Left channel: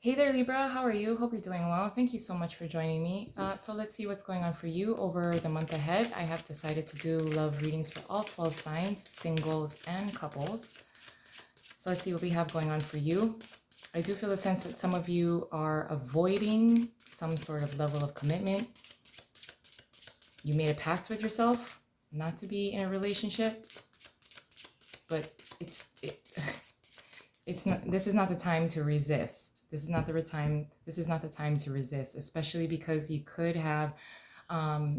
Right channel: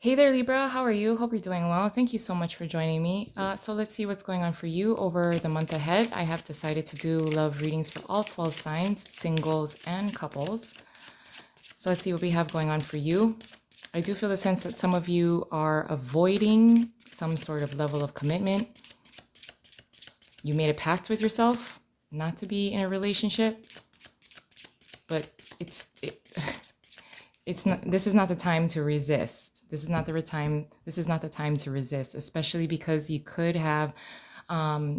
Hey there, Libra. How are you? Hope you're doing well. Thank you so much for joining me. So let's see what's going on for you over the month ahead. I have decided to do love readings for all 12 signs, singles and couples. So let's see what we have going on for you. I do feel the sense that some of you are avoiding some sort of level of commitment. You made a pact with yourself not to be in a relationship, but it's not, this is not the time to resist. This is not the time to resist, especially because you could have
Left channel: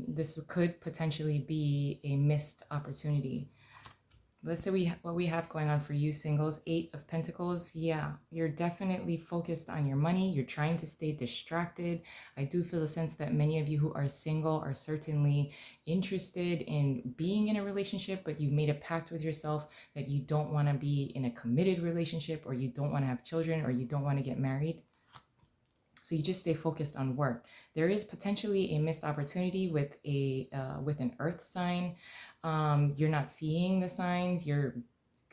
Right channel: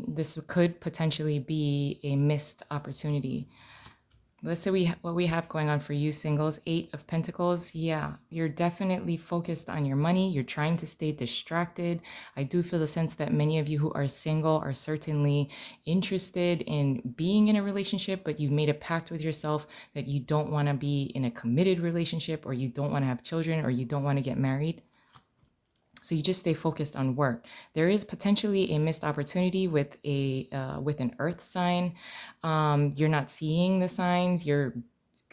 this could potentially be a missed opportunity. Let's say what we have going on for you singles. Eight of Pentacles. Yeah, you're definitely focused on your money. You're trying to stay distracted. I do feel the sense that many of you who are single are certainly interested in being in a relationship, but you've made a pact with yourself that you don't want to be in a committed relationship, or you don't want to have children, or you don't want to get married. So you just stay focused on work. There is potentially a missed opportunity with an earth sign. You're not seeing the signs. You're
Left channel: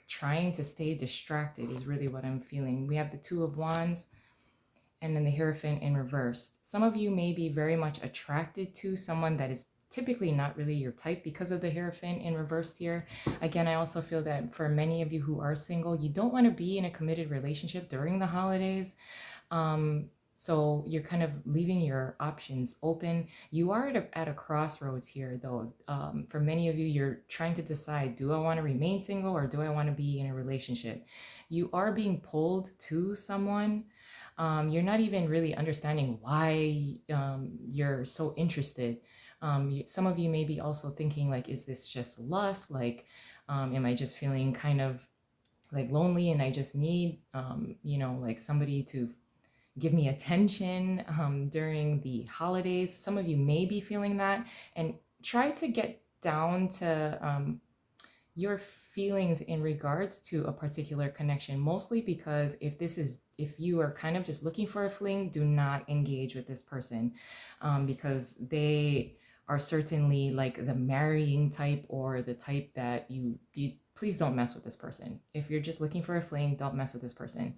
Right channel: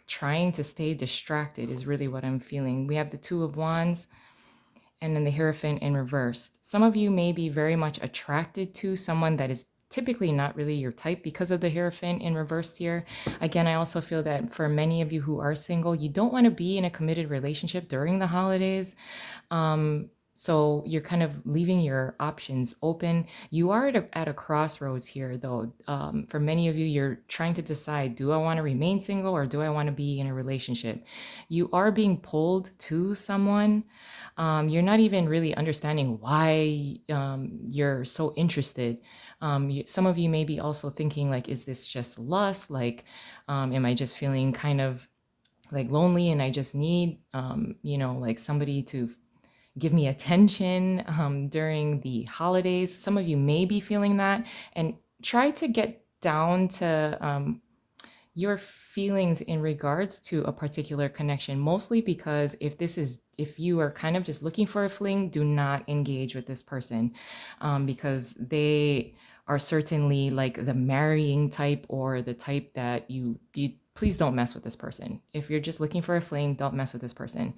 trying to stay distracted is really what I'm feeling. We have the Two of Wands and then the Hierophant in reversed. Some of you may be very much attracted to someone that is typically not really your type because of the Hierophant in reversed here. Again, I also feel that for many of you who are single, you don't want to be in a committed relationship during the holidays. So you're kind of leaving your options open. You are at a crossroads here, though. For many of you, you're trying to decide, do I want to remain single or do I want to be in a relationship? You are being pulled to someone. You're not even really understanding why you're so interested. Some of you may be also thinking, like, is this just lust? Like, am I just feeling kind of like lonely and I just need, like somebody to give me attention during the holidays. Some of you may be feeling that, and try to get down to your feelings in regards to a particular connection, mostly because if you are kind of just looking for a fling, do not engage with this person, because they are certainly like the marrying type, or the type that you please don't mess with this person. If you're just looking for a fling, don't mess with this person,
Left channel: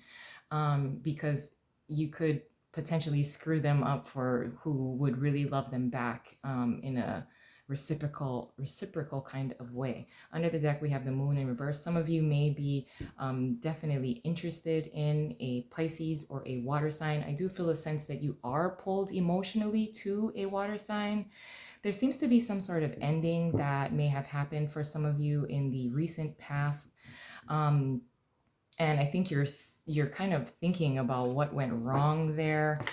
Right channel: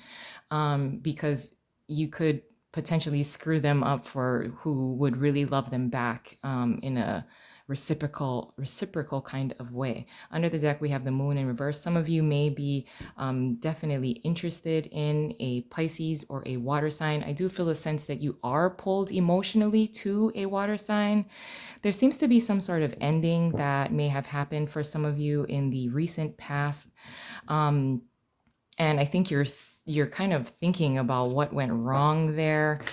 because you could potentially screw them up for who would really love them back, in a reciprocal kind of way. Under the deck, we have the Moon in reverse. Some of you may be definitely interested in a Pisces or a water sign. I do feel a sense that you are pulled emotionally to a water sign. There seems to be some sort of ending that may have happened for some of you in the recent past. And I think you're kind of thinking about what went wrong there.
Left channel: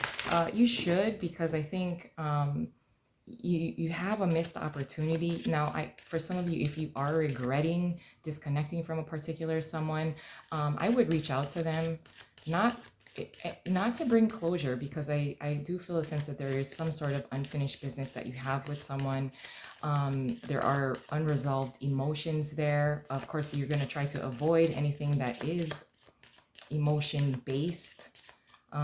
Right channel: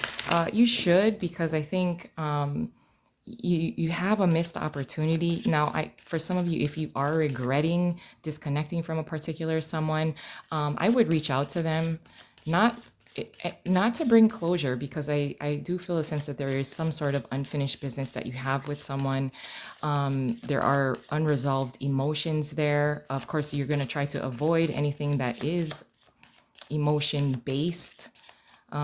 You should, because I think you have a missed opportunity. Now, for some of you, if you are regretting disconnecting from a particular someone, I would reach out to them, not not to bring closure, because I do feel a sense that there is some sort of unfinished business that you have with someone. There are unresolved emotions there. Of course, you're going to try to avoid anything that is emotion based.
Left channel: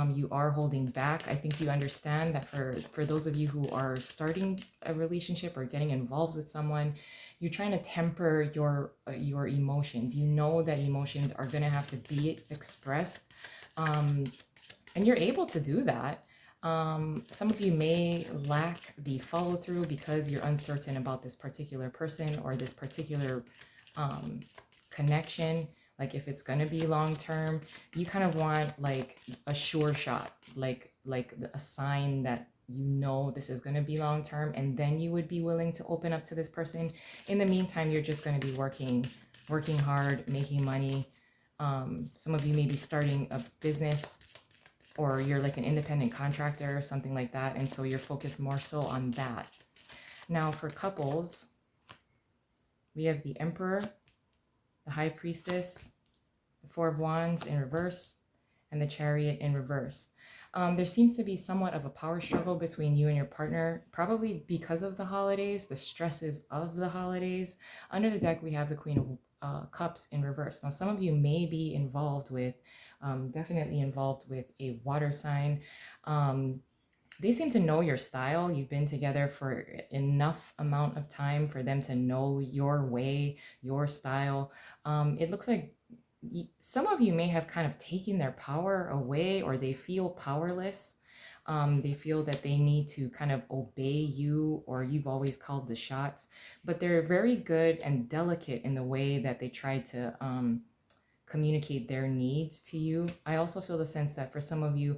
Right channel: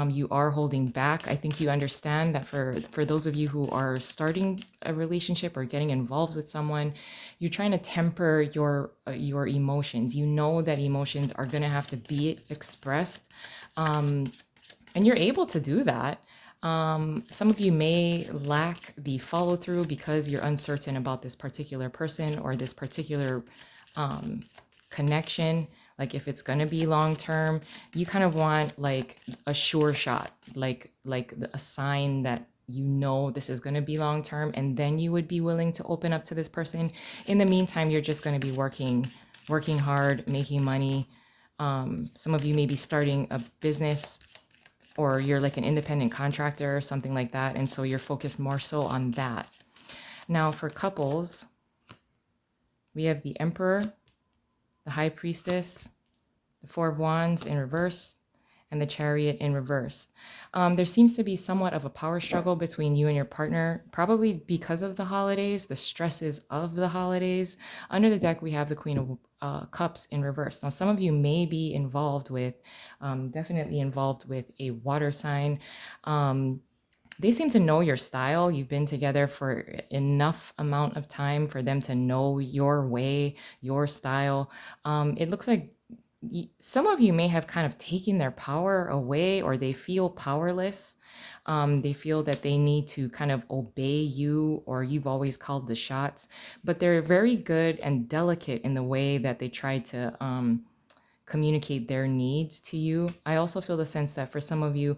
You are holding back. I think you understand that for those of you who are starting a relationship or getting involved with someone, you're trying to temper your emotions. You know that emotions are going to have to be expressed, and you're able to do that. Some of you may lack the follow through because you're uncertain about this particular person or this particular connection. Like, if it's going to be long term, you kind of want like a sure shot, like a sign that you know this is going to be long term, and then you would be willing to open up to this person. In the meantime, you're just going to be working hard, making money. Some of you may be starting a business, or you're like an independent contractor or something like that, and so you're focused more so on that. Now, for couples, we have the Emperor, the High Priestess, the Four of Wands in reverse, and the Chariot in reverse. There seems to be somewhat of a power struggle between you and your partner, probably because of the holidays, the stresses of the holidays. Under the deck, we have the Queen of Cups in reverse. Now, some of you may be definitely involved with a water sign. They seem to know your style. You've been together for enough amount of time for them to know your way, your style. It looks like some of you may have kind of taken their power away, or they feel powerless. They feel that they need to kind of obey you, or you've always called the shots, but they're very good and delicate in the way that they try to communicate their needs to you. I also feel the sense that for some of you,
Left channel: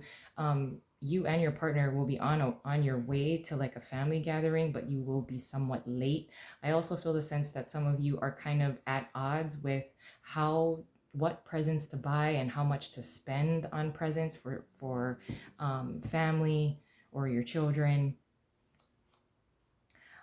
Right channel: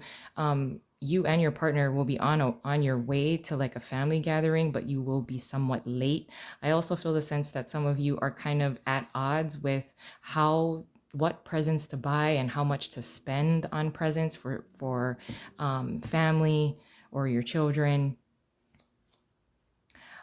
you and your partner will be on your way to like a family gathering, but you will be somewhat late. I also feel the sense that some of you are kind of at odds with what presents to buy and how much to spend on presents for family or your children.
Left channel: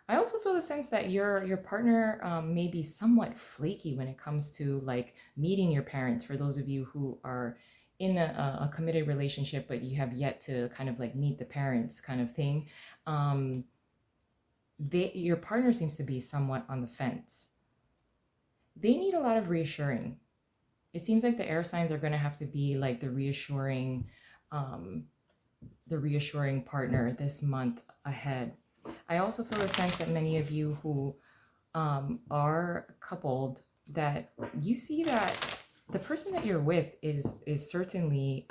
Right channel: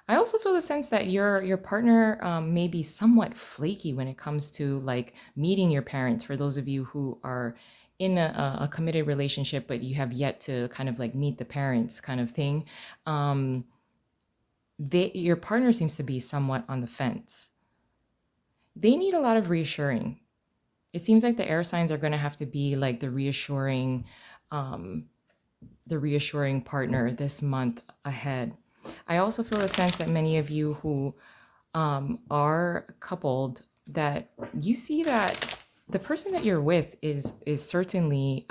I also feel the sense that your partner may be somewhat flaky when it comes to like meeting your parents. For those of you who are in a committed relationship, but you have yet to kind of like meet the parents, kind of thing, um, your partner seems to be somewhat on the fence. They need a lot of reassuring. It seems like the air signs are going to have to be like um, the reassuring partner this month ahead. I also feel a sense that many of you who are coupled, that you see that the person that you're with is certainly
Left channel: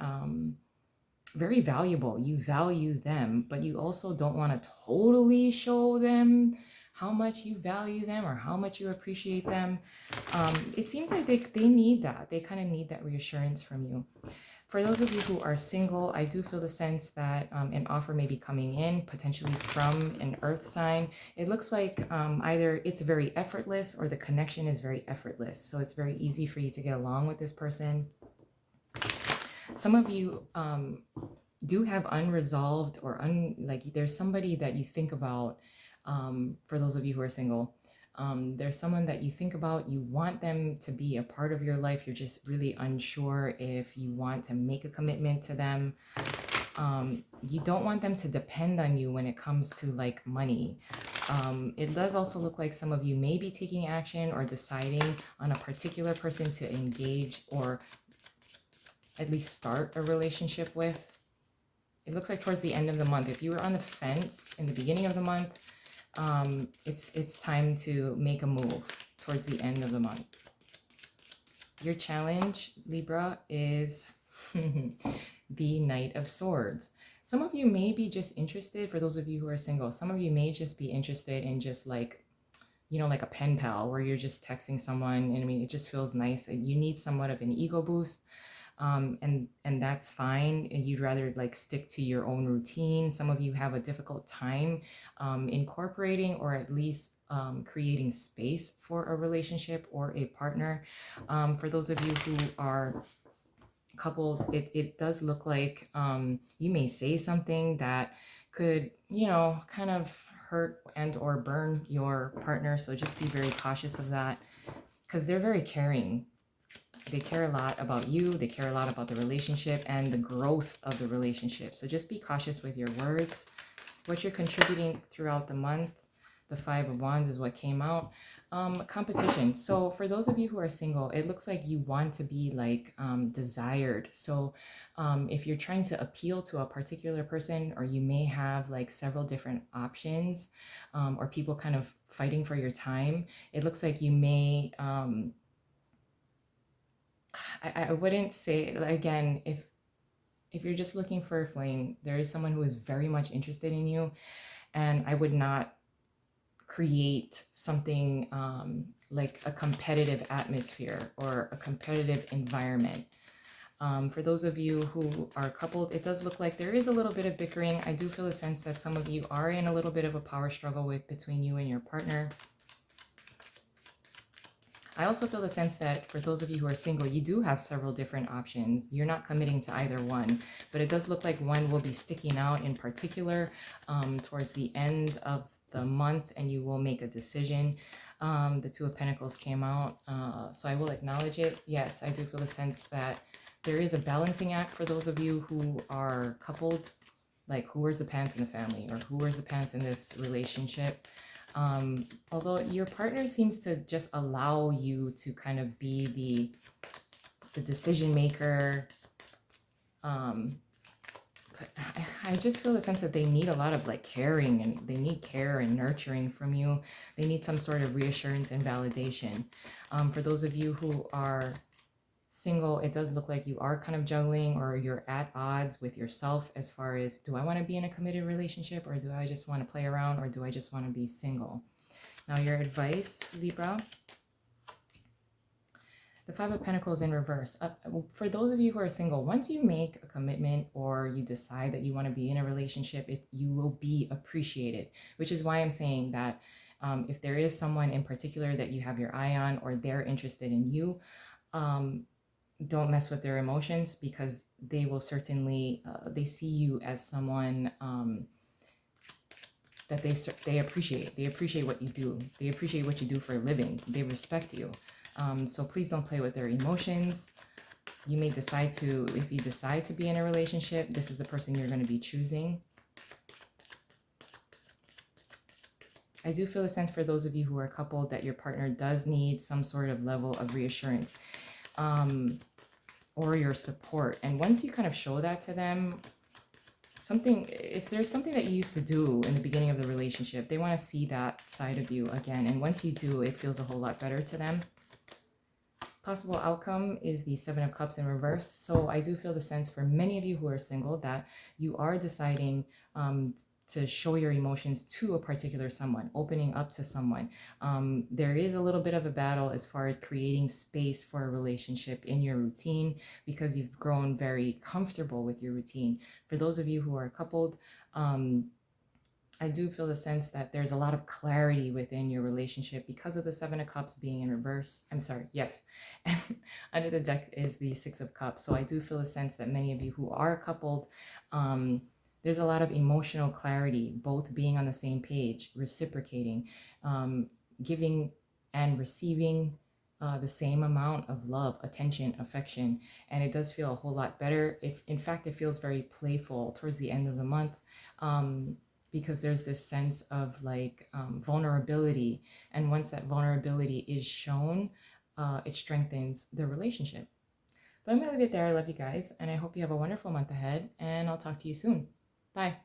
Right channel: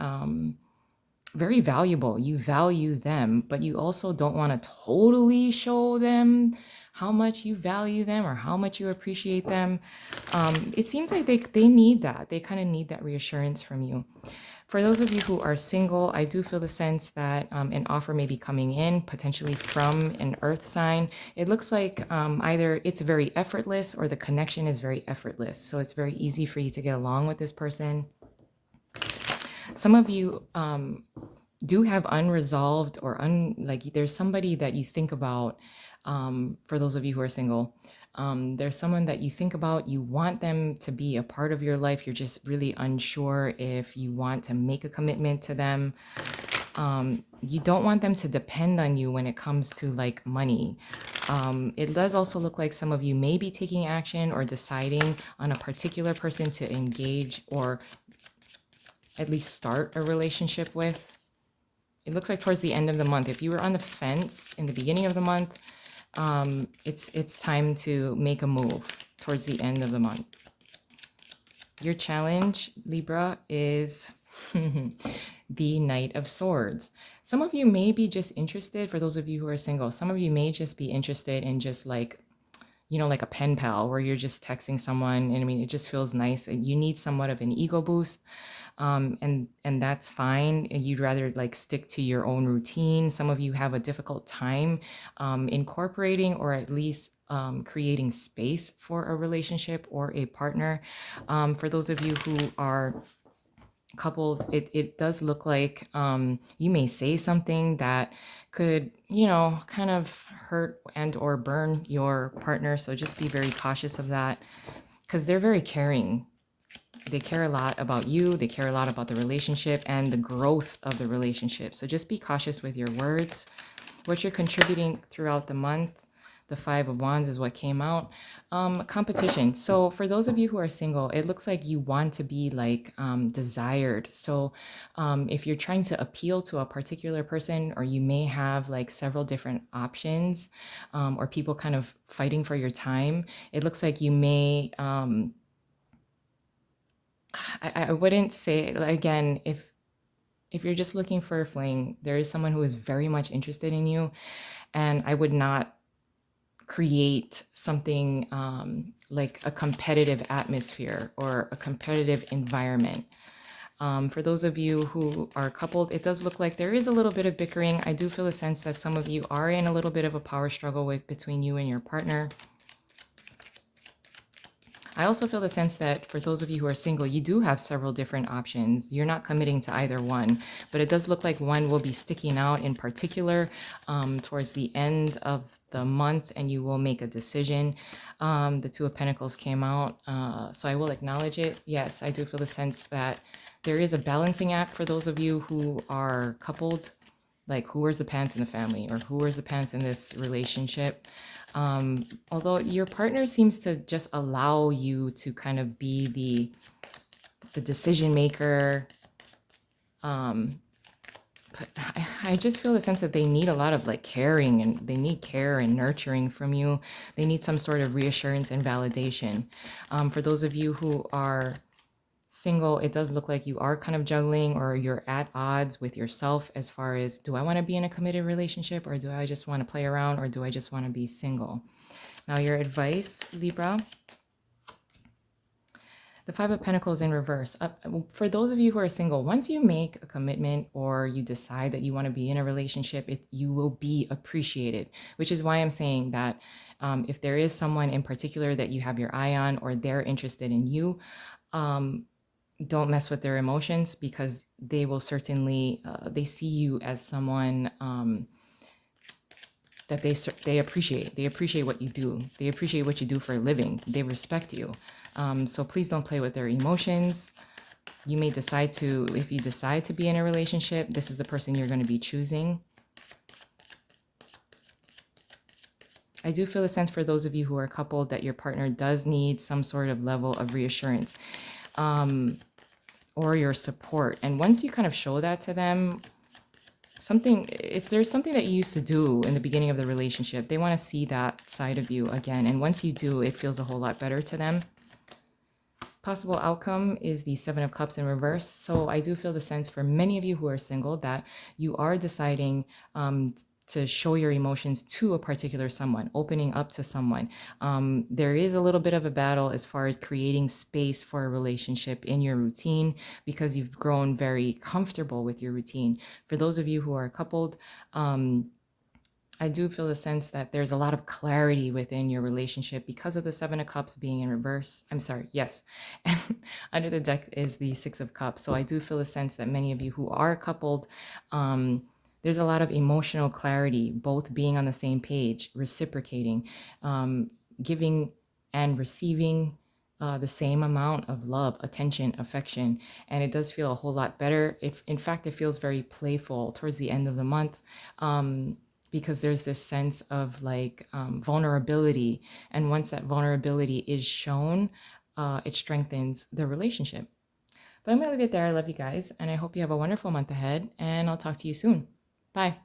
very valuable. You value them, but you also don't want to totally show them how much you value them or how much you appreciate them. It seems like they need that. They kind of need that reassurance from you. For those of you who are single, I do feel the sense that an offer may be coming in, potentially from an earth sign. It looks like either it's very effortless or the connection is very effortless. So it's very easy for you to get along with this person. Some of you do have unresolved or like there's somebody that you think about. For those of you who are single, there's someone that you think about, you want them to be a part of your life. You're just really unsure if you want to make a commitment to them. You don't want them to depend on you when it comes to like money. It does also look like some of you may be taking action or deciding on a particular person to engage or at least start a relationship with. It looks like towards the end of the month. If you were on the fence in the beginning of the month, it's time to make a move towards the end of the month. Your challenge, Libra, is the Knight of Swords. Some of you may be just interested, for those of you who are single, some of you may just be interested in just like, like a pen pal where you're just texting someone. And I mean, it just feels nice. And you need somewhat of an ego boost. And that's fine. You'd rather like stick to your own routine. Some of you have a difficult time incorporating or at least creating space for a relationship or a partner. For those of you who are coupled, it does look like you may say something that could, kind of hurt and or burn your partner. So just be very cautious of that because they're very caring. They care a lot about you. They care a lot about the relationship and the growth of the relationship. So just be cautious with your words. What you're contributing throughout the month, the 5 of Wands is what came out. Competition. So for those of you who are single, it looks like you want to be like desired. So if you're trying to appeal to a particular person, or you may have like several different options, or people kind of fighting for your time, it looks like you may I wouldn't say, again, if you're just looking for a fling, there is someone who is very much interested in you, and I would not create something like a competitive atmosphere or a competitive environment. For those of you who are coupled, it does look like there is a little bit of bickering. I do feel a sense that some of you are in a little bit of a power struggle between you and your partner. I also feel the sense that for those of you who are single, you do have several different options. You're not committing to either one, but it does look like one will be sticking out in particular towards the end of the month, and you will make a decision. The Two of Pentacles came out, so I will acknowledge it. Yes, I do feel the sense that there is a balancing act for those of you who are coupled, like who wears the pants in the family or who wears the pants in this relationship. Although your partner seems to just allow you to kind of be the decision maker, but I just feel the sense that they need a lot of like caring, and they need care and nurturing from you. They need some sort of reassurance and validation. For those of you who are single, it does look like you are kind of juggling, or you're at odds with yourself as far as, do I want to be in a committed relationship, or do I just want to play around, or do I just want to be single? Now, your advice, Libra, the Five of Pentacles in reverse. For those of you who are single, once you make a commitment or you decide that you want to be in a relationship, you will be appreciated, which is why I'm saying that if there is someone in particular that you have your eye on, or they're interested in you, don't mess with their emotions, because they will certainly, they see you as someone that they appreciate. They appreciate what you do. They appreciate what you do for a living. They respect you. So please don't play with their emotions. You may decide to, if you decide to be in a relationship, this is the person you're going to be choosing. I do feel a sense for those of you who are coupled that your partner does need some sort of level of reassurance, or your support. And once you kind of show that to them, there's something that you used to do in the beginning of the relationship. They want to see that side of you again. And once you do, it feels a whole lot better to them. Possible outcome is the Seven of Cups in reverse. So I do feel the sense for many of you who are single that you are deciding to show your emotions to a particular someone, opening up to someone. There is a little bit of a battle as far as creating space for a relationship in your routine, because you've grown very comfortable with your routine. For those of you who are coupled, I do feel the sense that there's a lot of clarity within your relationship because of the Seven of Cups being in reverse. I'm sorry, yes. And under the deck is the Six of Cups. So I do feel a sense that many of you who are coupled, there's a lot of emotional clarity, both being on the same page, reciprocating, giving and receiving the same amount of love, attention, affection. And it does feel a whole lot better. In fact, it feels very playful towards the end of the month. Because there's this sense of like vulnerability. And once that vulnerability is shown, it strengthens the relationship. But I'm going to leave it there. I love you guys. And I hope you have a wonderful month ahead. And I'll talk to you soon. Bye.